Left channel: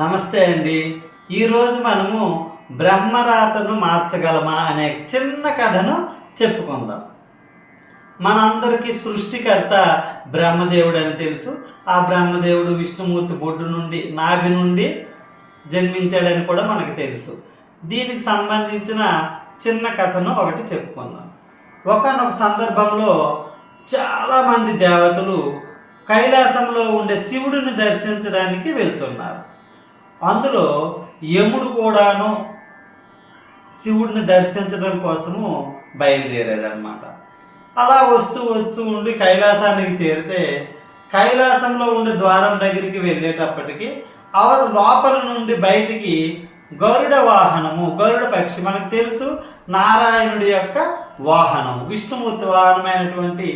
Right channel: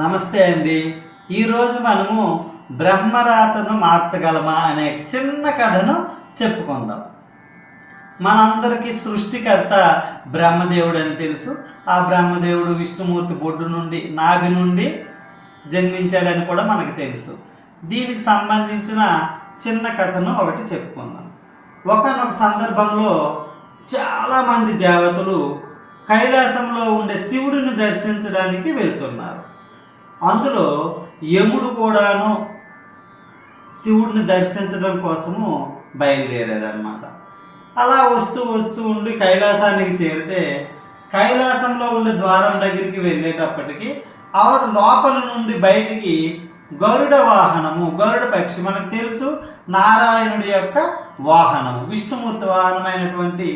నమస్తే అండి. ఈరోజు మనము బ్రహ్మరాతను మార్చగలమా అనే చిన్న కథను చెప్పుకుందాం. మనందరికీ సృష్టికర్త బ్రహ్మదేవుడు అని తెలుసు. ఆ బ్రహ్మదేవుడు విష్ణుమూర్తి బొడ్డు నుండి నాభి నుండి జన్మించాడని కూడా మనకు తెలుసు. దీనికి సంబంధించిన చిన్న కథను ఒకటి చెప్పుకుందాం. ఒకానొక సందర్భంలో చాలామంది దేవతలు కైలాసంలో ఉండే శివుడిని దర్శించడానికి వెళ్తున్నారు. అందులో యముడు కూడాను శివుడిని దర్శించడం కోసము బయలుదేరాడనమాట. అలా వస్తూ వస్తూ ఉండి కైలాసానికి చేరితే కైలాసంలో ఉండే ద్వారం దగ్గరికి వెళ్ళేటప్పటికి లోపల నుండి బయటికి గరుడ వాహనము, గరుడ పక్షి మనకు తెలుసు నారాయణుడి యొక్క వాహనము, విష్ణుమూర్తి వాహనమైనటువంటి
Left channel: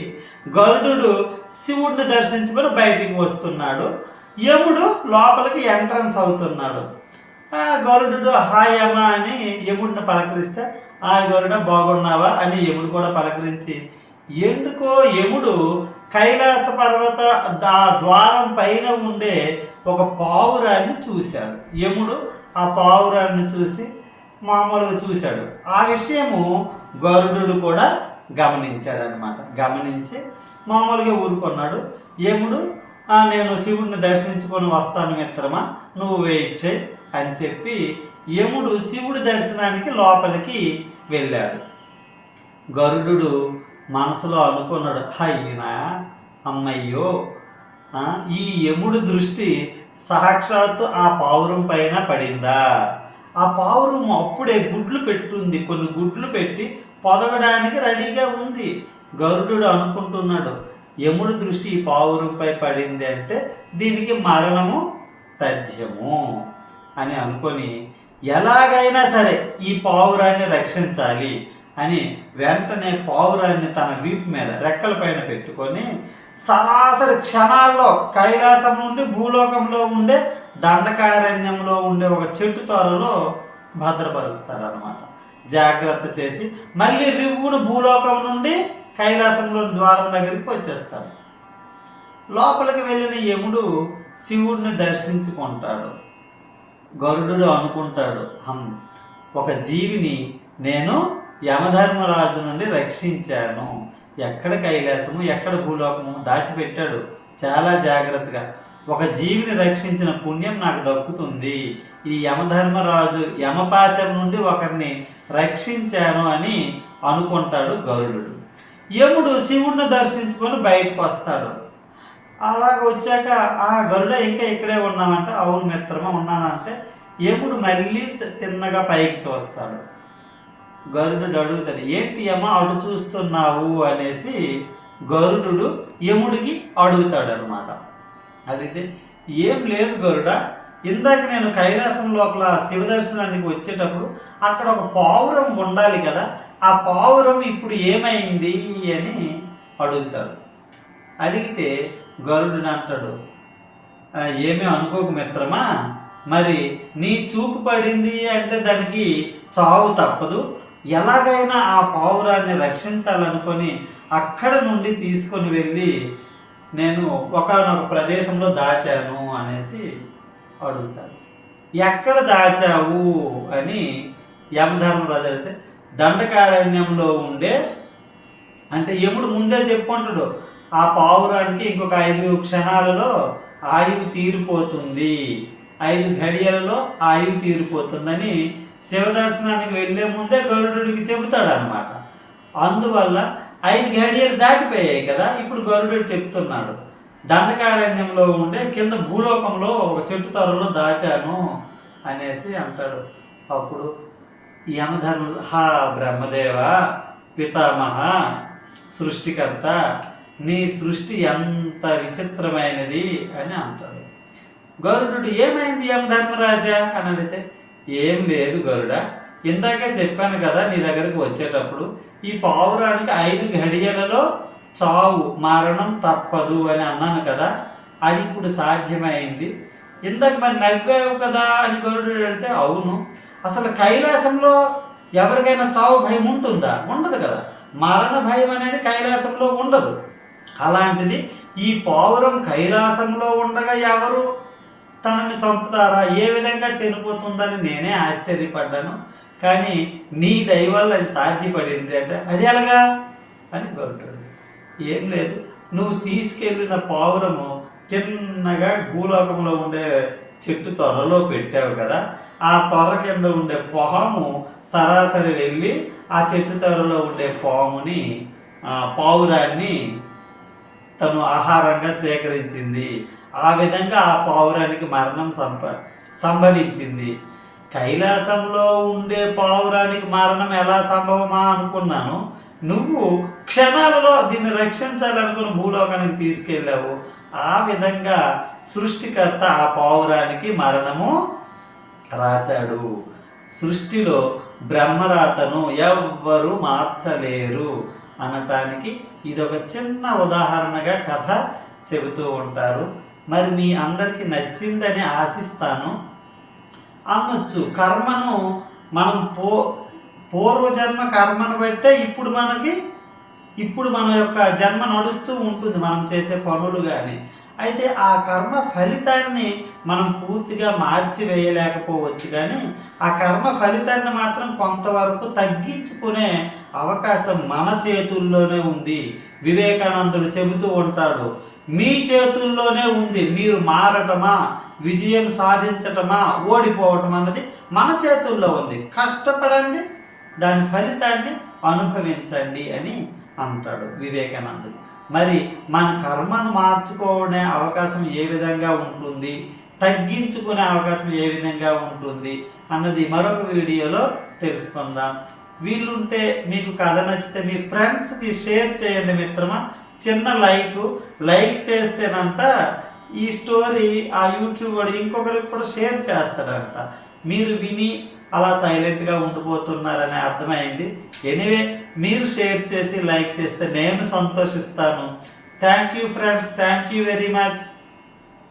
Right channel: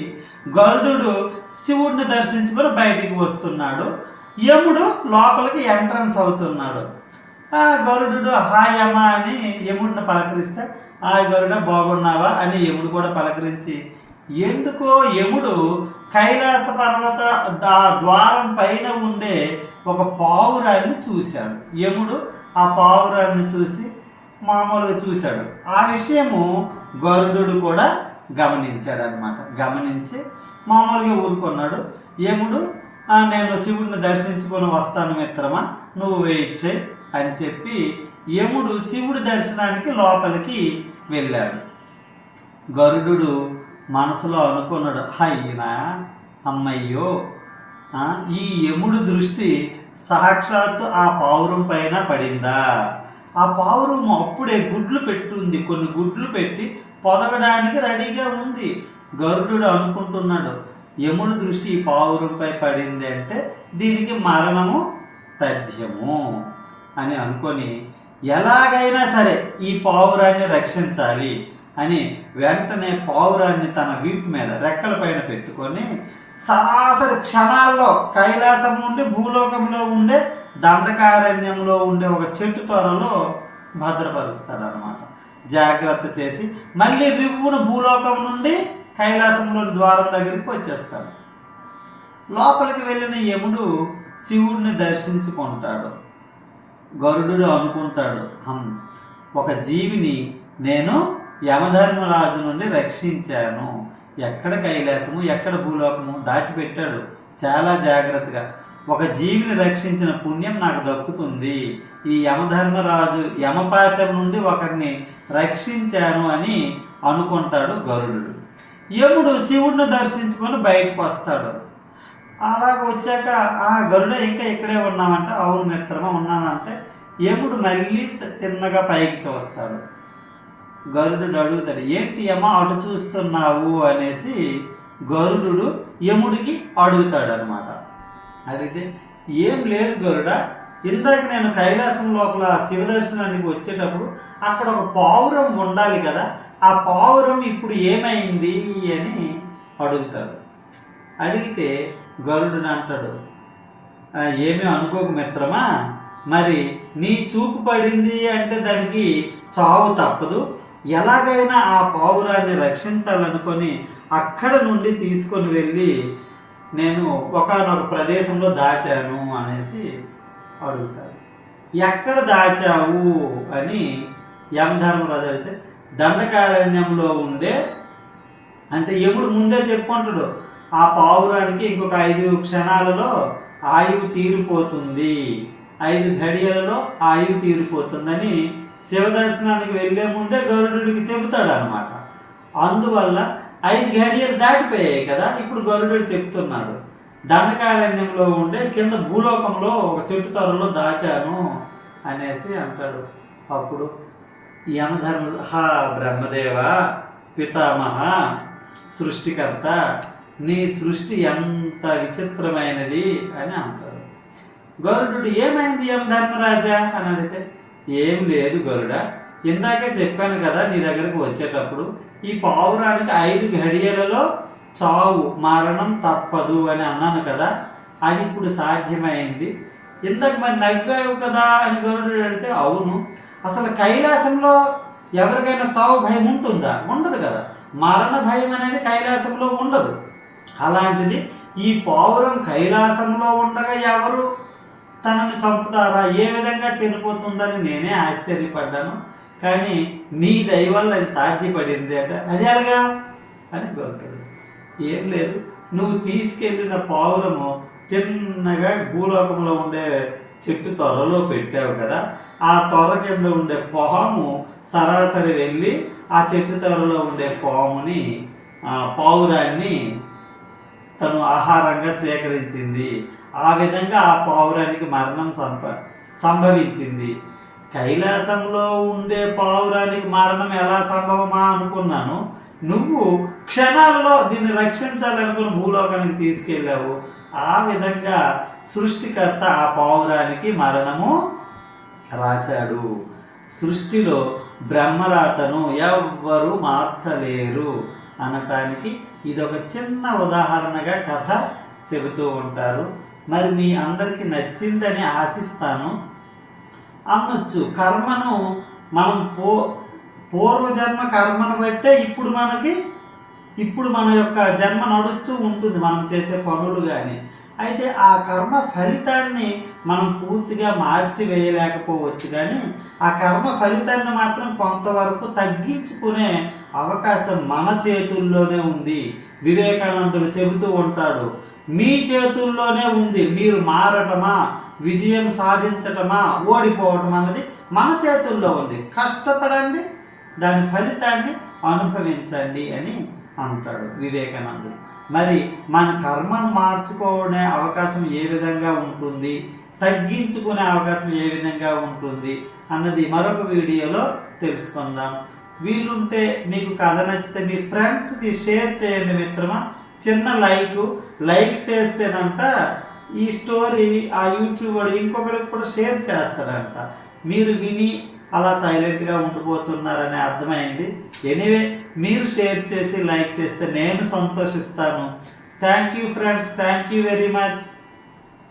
గరుడు శివుడిని దర్శించుకొని బయటికి వస్తున్నాడు. యముడు లోపలికి ఎంట్రన్స్ అవుతున్నాడు. ఆ గరుడు హాయ్ యమ అని యముడిని పలకరిస్తే ఆ గరుడ బాగున్నావా అని యముడు కూడా పలకరించి, ఎందుకో యముడు కైలాస పర్వత ద్వారం పైన ఉండే ఒక పావురాన్ని చూశాడు. యముడు ఆ పావురాన్ని చూసి మామూలుగా చూశాడు. ఆ విషయము గరుడు కూడా గమనించాడు అనమాట. గమనించి మామూలుగా ఊరుకున్నాడు. యముడు నేను శివుడిని దర్శించుకొని వస్తాను మిత్రమా, నువ్వు వెయిట్ చేయి అని చెప్పి యముడు శివుడి దర్శనానికి లోపలికి వెళ్ళాడు. గరుడు మనసులో అనుకున్నాడు, అయ్యినా అమ్మయ్యో, ఈ యముడు దృష్టి సాక్షాత్తు ఆ పావురం పైన పడిందా? ఆ పావురం అప్పుడే గుడ్లు పెట్టుంది, కొన్ని గుడ్లు పెట్టి పొదగడానికి రెడీగా ఉంది. గరుడు అనుకుంటున్నాడు, యముడి దృష్టి ఈ పావురంపై పడింది అంటే దీనికి మరణము తథ్యము అని అనుకొని ఎలాగైనా సరే ఈ పావురాన్ని రక్షించాలి అని వెంటనే పావురాన్ని తన వీపు మీద రెక్కల పైన పెట్టుకొని సరాసరి క్షణాల్లో కైలాసం నుండి భూలోకంలో ఉండే దండకారణ్యంలో ఉండే ఒక చెట్టు త్వరలో భద్రపరుస్తారనమాట. జాగ్రత్త చేసి మళ్ళీ రివ్వును భూలోకం నుండి కైలాసంలోని ద్వారం దగ్గరికి వచ్చేస్తాడు. లోపలికి వెళ్ళిన యముడు శివుడిని దర్శించుకుంటాడు. గరుడు అనుకుంటాడు, ఒక జీవిని నేను యమధర్మరాజు నుండి రక్షించాను. ఎక్కడ కైలాసము ఎక్కడ భూలోకము దాచిపెట్టాడు చాలా జాగ్రత్తగా. ఒక జీవిని రక్షించిన పుణ్యం నాకు దక్కుతుంది. ఈ యమధర్మరాజు యమపాశం నుండి ఒకరిని రక్షించాను అని అనుకుంటాడు గరుడు. యముడు శివుడిని దర్శించుకొని బయటకు వస్తాడు. అలాగ వచ్చాక గరుడ ఇంకా ఇక్కడే ఉన్నామంటే, అవును మిత్రమా ఉన్నానంటే యముడు మళ్ళీ తిన్నగా పైకి చూస్తాడు. గరుడు అడుగుతాడు, ఏంటి యమ అటు చూస్తున్నావు అనేసి గరుడు యముడికి అడుగుతాడు అనమాట. అడిగితే ఏం లేదు గరుడ, ఇందాక నేను కైలాసం లోపల శివ దర్శనానికి వచ్చేటప్పుడు అక్కడ ఒక పావురం ఉండాలి కదా, ఆ పావురం ఇప్పుడు ఏమైంది అని అడుగుతాడు. అడిగితే గరుడు అంటాడు, ఏమీ అనుకోకు మిత్రమా, మరి నీ చూపు పడింది అంటే దానికి చావు తప్పదు. ఎలాగైనా ఆ పావురాన్ని రక్షించాలనుకొని అక్కడ నుండి తీసుకొని వెళ్ళి నేను ఒకానొక ప్రదేశంలో దాచాను అనేసి అడుగుతాడు. ఎక్కడ దాచావు అని యమధర్మరాజు అడిగితే దండకారణ్యంలో ఉండే, అంటే యముడు ముందే చెప్పుకుంటాడు ఆ పావురానికి ఇంకొక 5 క్షణాలలో ఆయువు తీరిపోతుంది, 5 గడియలలో ఆయువు తీరిపోతుందని శివదర్శనానికి వెళ్ళే ముందే గరుడికి చెబుతాడు అనమాట. అందువల్ల 5 గడియలు దాటిపోయాయి కదా, ఇప్పుడు గరుడు చెప్తున్నాడు దండకారణ్యంలో ఉండే కింద భూలోకంలో ఒక చెట్టు త్వరలో దాచాను అనేసి అంటాడు. అప్పుడు యమధర్ముడు, బ్రహ్మదేవ పితామహ సృష్టికర్త, నీ సృష్టి ఎంత విచిత్రమైనది అని అంటాడు. గరుడు ఏమైంది యమధర్మరాజా అని అడిగితే, ఏం లేదు గరుడ, ఇందాకే చెప్పాను కదా నీ దగ్గరకు వచ్చేటప్పుడు ఈ పావురానికి 5 గడియలలో చావు మరణం తప్పదు అని అన్నాను కదా, అది ఇప్పుడు సాధ్యమైంది. ఇందాక మరి నవ్వావు కదా అని గరుడు అడిగితే, అవును, అసలు కైలాసంలో ఎవరికైనా చావు భయం ఉంటుందా? ఉండదు కదా, మరణ భయం అనేది కైలాసంలో ఉండదు. అలాంటిది ఈ పావురం కైలాసంలో ఉండగా ఎవరు తనని చంపుతారా, ఏ విధంగా చనిపోతుందని నేనే ఆశ్చర్యపడ్డాను. కానీ నీ దయ వల్ల అది సాధ్యపడింది అంటే అది ఎలాగా అని గొర్రెడు. ఏం లేదు, నువ్వు తీసుకెళ్ళిన పావురము తిన్నగా భూలోకంలో ఉండే చెట్టు త్వరలో పెట్టావు కదా, ఆ త్వర కింద ఉండే పాము సరాసరి వెళ్ళి ఆ చెట్టు త్వరలో ఉండే పావురాన్ని తను ఆహారంగా స్వీకరించింది. ఆ విధంగా ఆ పావురానికి మరణం సంభవించింది. కైలాసంలో ఉండే పావురానికి మరణం ఎలా సంభవమా అనుకున్నాను. నువ్వు క్షణాలలో దీన్ని రక్షించాలనుకుని భూలోకానికి తీసుకెళ్ళావు. ఆ విధంగా సృష్టికర్త ఆ పావురానికి మరణము రాశాడు. సృష్టిలో బ్రహ్మరాతను ఎవ్వరూ మార్చలేరు అనటానికి ఇదొక చిన్న ఉదాహరణగా కథ చెబుతూ ఉంటారు. మరి మీ అందరికీ నచ్చిందని ఆశిస్తాను. అనొచ్చు, కర్మను మనం పూర్వజన్మ కర్మను బట్టే ఇప్పుడు మన యొక్క జన్మ నడుస్తూ ఉంటుంది, మనం చేసే పనులు కానీ. అయితే ఆ కర్మ ఫలితాన్ని మనం పూర్తిగా మార్చివేయలేకపోవచ్చు, కానీ ఆ కర్మ ఫలితాన్ని మాత్రం కొంతవరకు తగ్గించుకునే అవకాశం మన చేతుల్లోనే ఉంది. వివేకానందుడు చెబుతూ ఉంటాడు, మీ చేతుల్లోనే ఉంది. మీరు మారటమా, విజయం సాధించటమా, ఓడిపోవటం అన్నది మన చేతుల్లో ఉంది. కష్టపడండి, దాని ఫలితాన్ని అనుభవించండి అని అంటాడు వివేకానందుడు. మరి మన కర్మను మార్చుకునే అవకాశం ఏ విధంగా ఉంటుంది, తగ్గించుకునే అవకాశం ఏ విధంగా ఉంటుంది అన్నది మరొక వీడియోలో తెలుసుకుందాం. వీలుంటే మీకు కథ నచ్చితే మీ ఫ్రెండ్స్కి షేర్ చేయండి మిత్రమా. చిన్న లైక్ చేస్తేనంట ఈ స్టోరీ ఆ యూట్యూబ్ వాడు ఇంకొకరికి కూడా షేర్ చేస్తాడంట. మీరు విని అలా సైలెంట్గా ఉండిపోతున్నారని అర్థమైంది. ఎనీవే, మీరు షేర్ చేసి లైక్ చేస్తే నేను సంతోషిస్తాను. Thank you friends, thank you very much.